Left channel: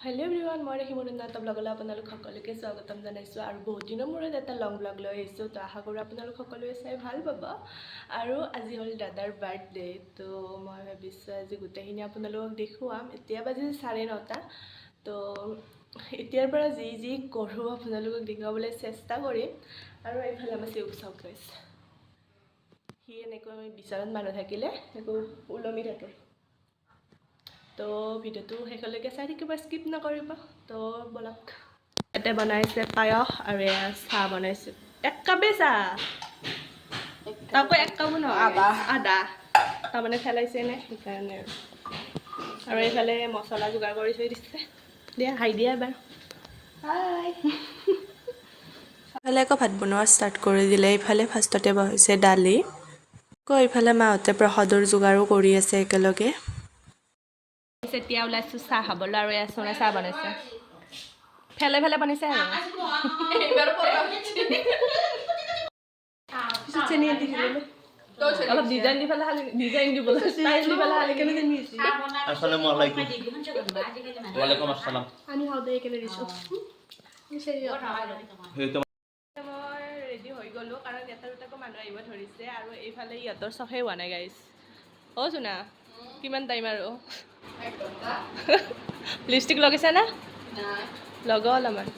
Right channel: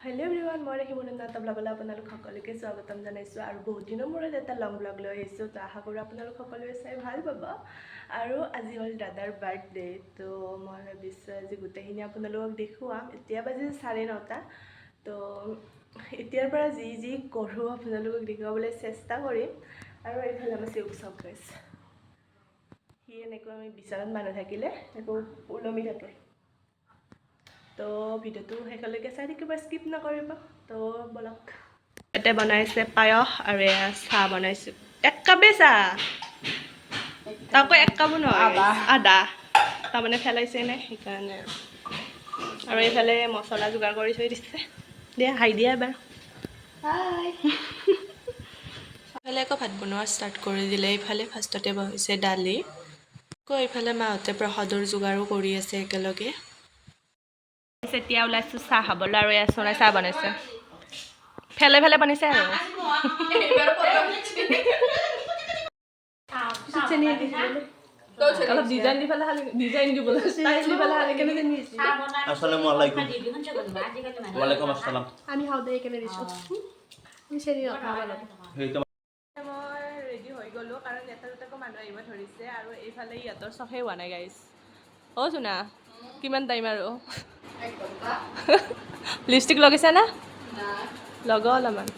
Hello everyone মই হিমুনন্দা ব্লগলৈ আপোনালোক সকলোকে স্বাগতম জনাইছো আৰু বহুত দিনৰ মূৰত এটা লং ব্লগ লৈ আহিছো তো আশা কৰো আপোনালোক সকলোৱে চাই ভাল পাব আৰু আজি হ'ল দাদাৰ বাৰ্থডে তো মই ভাবিছো আজি গোটেইখিনি আপোনালোকক দেখুৱাম এতিয়া বাজি 9:30 তো এতিয়াৰ পৰা যি কৰো আপোনালোকক দেখুৱাবলৈ চেষ্টা কৰিম আৰু এইফালে আমাৰ উৎসৱ গাইছে হি এনেকৈ বিচনাত মানুহ থাকিলে একো ওলমি থাকে তো ভিডিওটো শেষলৈকে চাই থাকিব স্কিপ নকৰিব তো বলক এতে বনাইছে পায়স আৰু এয়া চাহ বনাইছো এক কাপে চাহ তাকো এক কাপো নহয় আধা তাৰমানে ফেলাইছে নে সেইকাৰণে আৰু এইফালে মছলা যোগাৰ কৰি থৈ দিছে দিয়া হাই দিয়া এবাৰ হাই এইফালে আকৌ ভাত বনোৱা ষ্টাৰ্ট কৰি দিলে এইফালে ফাৰ্ষ্টতে বহাইছে দালি আকৌ এইফালে মাহঁতে প্ৰসাদৰ যোগাৰো কৰি আছে একেলগে এতিয়া ওলাইছো চাহ খাবলৈ আৰু এয়া সোনাই চাহ বনাইছে ফেলে ফেলে বনাইছে আৰু অলপ ডিজাইন দি পেলাই ডিজাইন দিবলৈ ষ্টাইল দি পেলাই হালি কেনে দিছে আসসালামু আলাইকুম ওয়া আলাইকুম আসসালাম আমি হাও দে কেনে দিছো মিছেৰি হেইতো মই ৰেডি হৈ গলো কাৰণ এটা দুটাকৈ মানুহ আহিব ধৰিছে আৰু এইফালে ইহঁতৰ চফে হোৱা নাই গাইছ অ শুনা কিমান টাইম আৰু লিপষ্টিক লগাইছা না লগা অলপমান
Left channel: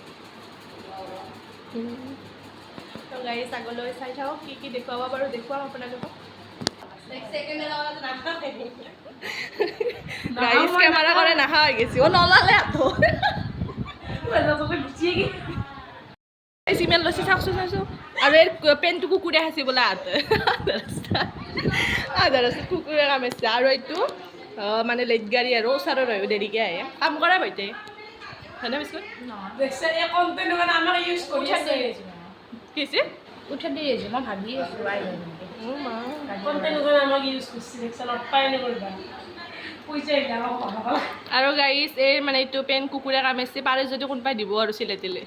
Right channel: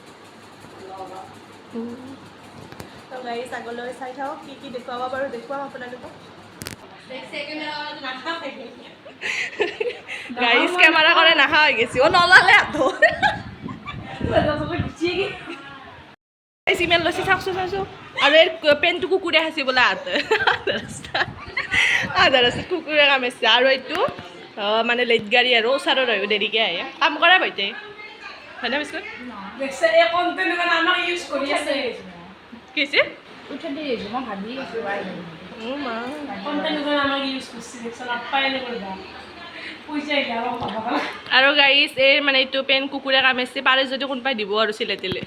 তো গাইছ আগলৈ চাই থাকক কি দেখুৱাব পাৰোঁ দেখুৱাম আপোনালোকক গাইছ কেমেৰা কৰে নাহা হৈ গৈছে অ নলালে চিমেল লৈছে চাওকচোন চাইছোঁ আৰু এই পেণ্টটো কুকুৰে সাঁচি বোলে আধা ৰাস্তাত কুকুৰে কামাইছে আৰু এইটো মানে লেট গাড়ী আৰু ওচৰত হয় দেৰিকৈ আহে কাম কৰা বাইতে হয়নে বিস্কুট কিছে উঠে দিয়ে যে মই ভাবি আছো আৰু গাইছ এই মানে এইটো পেন কুকুৰে কামাইছে পাৰে যদি কোনোবাই দিব আৰু চিলাই তিলে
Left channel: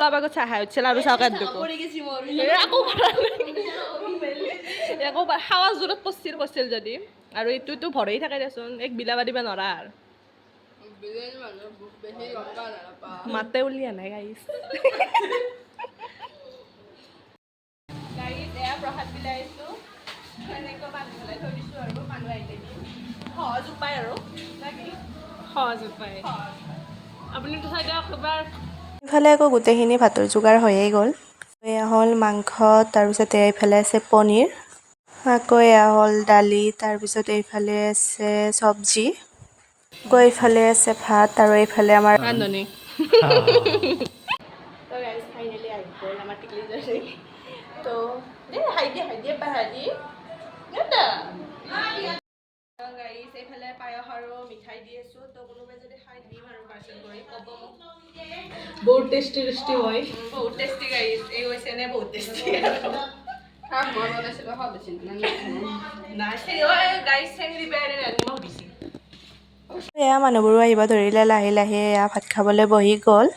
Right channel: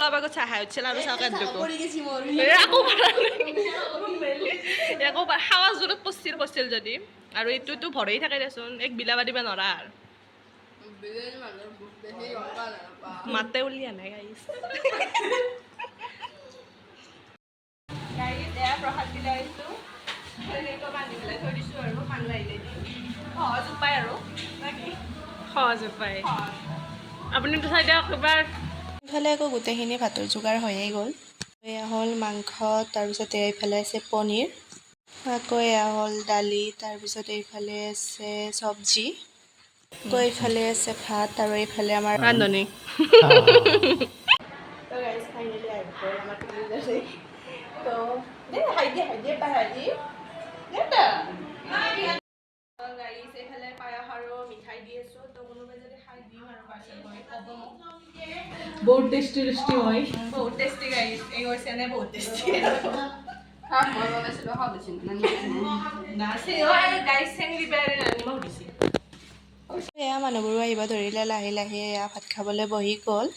আগত চাহাই উঠিছিল আৰু চাহ কাট একো খাৱা জোৰত পচিল যদি আৰু এইটোতো ভৰেই থাকে দেচোন এক বিলাবা দিবা নৰা আৰু মাতে উলিয়া নাই গাইছ গাইছ এয়া প্ৰসাদ বিলাই আছো এনেকৈ বান্ধি পেলাই থৈ দিছোঁ আৰু মানুহ আহিলে সহজ উপায় আৰু সহজ উপায় আপুনিতো চাই দিয়ক এবাৰ ইফালে আকৌ গোটেইখিনি ভাতৰ যোগাৰ হৈয়ে গ'ল এয়া হ'ল মাংস তাৰপিছতে এইফালে আছে পনীৰ আকৌ এয়া হ'ল দালি তাৰপিছত এইফালে আছে চব্জি আকৌ এইফালে আছে ভাত আৰু এইফালে আমাৰ ৰান্ধনি তো গাইজ ফাইনেলি আহি গ'ল আমাৰ টিকলি জাৰ্চি তো হাইদি গাইজ এইফালে পায়স আৰু মিঠাই দি আছোঁ তো কোনোবাই যদি খাই দিম আৰু পাৰ্চেল কৰি ক'ব মোক বহুত টেষ্টি হয় বহুত টেষ্টি গাইজ এই হৈছে নে বহুত টেষ্টি এয়া মানুহবোৰো আহিব ধৰিলে লাহে লাহে এয়া ভাত খাবলৈ বহি গ'ল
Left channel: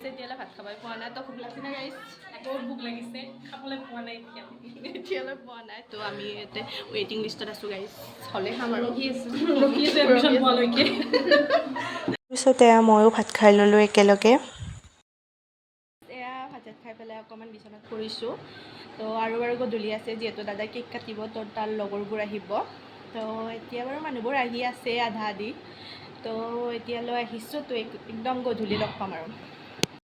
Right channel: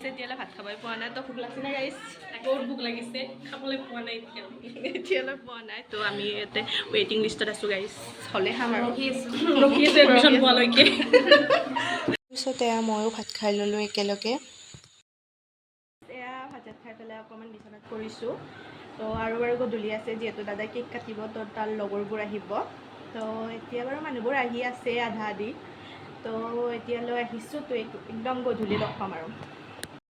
এতিয়ালৈ ভাত খাবই পোৱা নাই তো ভোক লাগিছে নে গাইজ বহুত ভোক লাগিছে খাবলৈ পোৱা নাই এতিয়ালৈ পোৱা নাই তো আমি ইয়াতে ৱেইটিং লিষ্টত আছোঁ গাইজ হ'লে খাম আৰু তাৰপিছত এয়া ময়ো ভাত খাই ল'লোঁ একেলগে এয়া ভাত খাই পেলাই অকণমান বিচনাত কৰিছোঁ তো আৰু গধূলি আছে যিহেতু দাদাই কেক কাটিব তো তাৰ লগৰবোৰ আহিব তো এতিয়া বাৰু মানুহবোৰ আহি আছে আধা আধি তো এতিয়ালৈ আহিছোঁ তো একদম গধূলি লগ পাম আৰু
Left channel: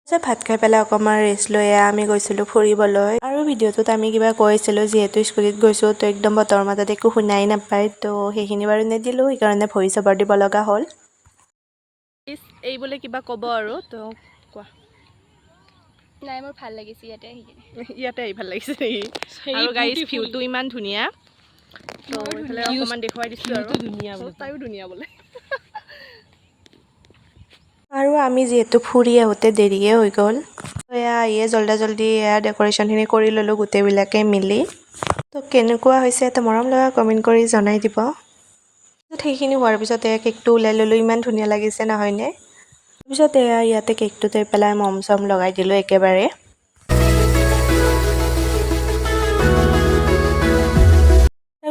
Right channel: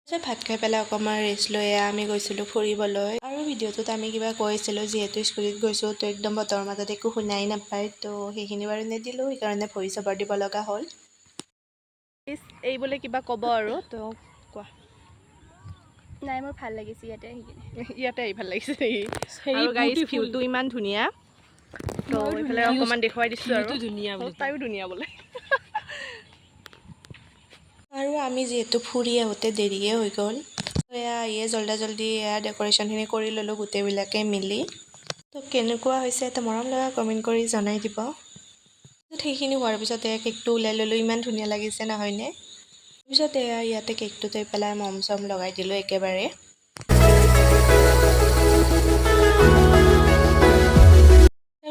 ভাত খাই পেলাই অকণমান ৰেষ্ট লৈ আমি গৈছিলোঁ ফুৰিবলৈ আৰু ভিডিঅ'টোত আমি কিবা কৈছিলোঁ যিহেতু স্কুটিত গৈছোঁ তো একদম বতৰৰ মাজত একো শুনাই নাপায় তো সেইখিনি বাৰু নিদিলোঁ সেইকাৰণে ভইচ অভাৰ দিব লগা হ'ল এই বোলে কিবা ক'ব আৰু তো কোৱা নাই মোৰ ভাল লাগিছে ইয়াতে আহি ভাল লাগিছে আৰু গাইজ ভিউটো ইমান ধুনীয়া তো এইফালে অকণমান দেখুৱাই দিছোঁ আৰু তাইও ধুনীয়া বোলে আৰু আমি যিহেতু ফুৰি আহোঁতে দেৰিয়ে হৈ গ'ল এয়া আহিয়ে জল্দি এয়া ডেক'ৰেশ্যনখিনি কৰি ল'লোঁ গোটেইবিলাকে মিলি তো কেনেকুৱা হৈছে এটা মৰম লগা কমেণ্ট কৰি জনাই দিব সেইখিনি হোৱাৰ পিছত এয়া কেকটো ওলাই ল'লোঁ ইমান ধুনীয়া লাগিছে নহয়নে তাৰপিছত এয়া ইয়াতে কেকটো থৈ পেলাই মম চম লগাই দিলোঁ একেবাৰে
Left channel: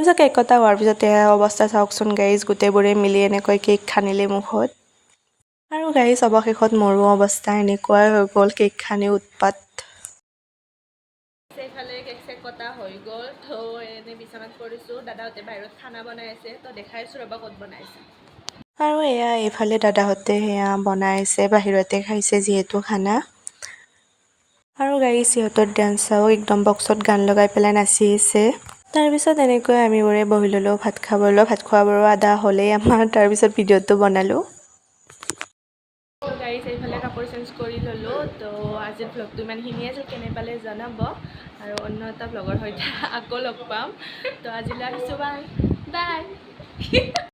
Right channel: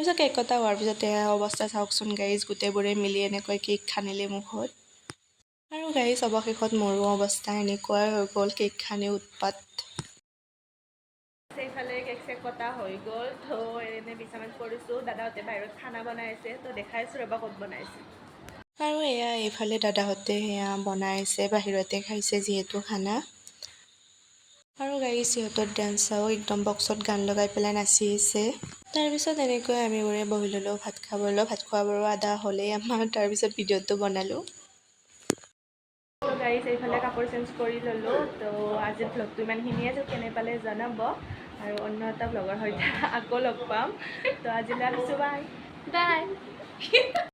তাৰপিছত কেক কটা হোৱাৰ পিছতে অৱস্থা চাওকচোন গাইজ, গোটেইবোৰে মিলি এনেকৈ কেক খানিলে মুখত। আৰু গাইজ অৱশেষত মোৰো অৱস্থা এনেকুৱাই হৈ গ'ল, কেক খানি উৎপাত। এইফালে কেক চেক কটা হৈ গ'ল, তো এনে বিচনাত পৰিছোঁ। দাদাহঁতে বাহিৰত খানা বনাই আছে, তো দেখাইছোঁ ৰ'বা ক'ত বনাইছে। আৰু এয়া এইফালে দাদাহঁতে সেয়া বনাই আছে, বাহিৰতে খাইছে যিহেতু খানা। আৰু গাইজ সিহঁতৰ ডান্স চাওঁ, একদম বক্সত গান লগাই পেলাই নাচি আছে। তাৰপিছত এনেকৈ আমিবোৰে বহি ল'লোঁ ভাত খাবলৈ। ভাত খোৱাবোৰো আধা হ'লেই আমাৰ, তাৰপিছত ভিডিঅ'টো বনালোঁ। তো গাইজ এইফালে কাপোৰ চেঞ্জ কৰি ল'লোঁ। তো আজিৰ ভ্লগটো ইমানখিনিয়ে, কেনে পালে জনাব। আৰু অন্য এটা ভ্লগৰ সৈতে আকৌ লগ পাম। তো আজিলৈ আহিছোঁ, বাই বাই।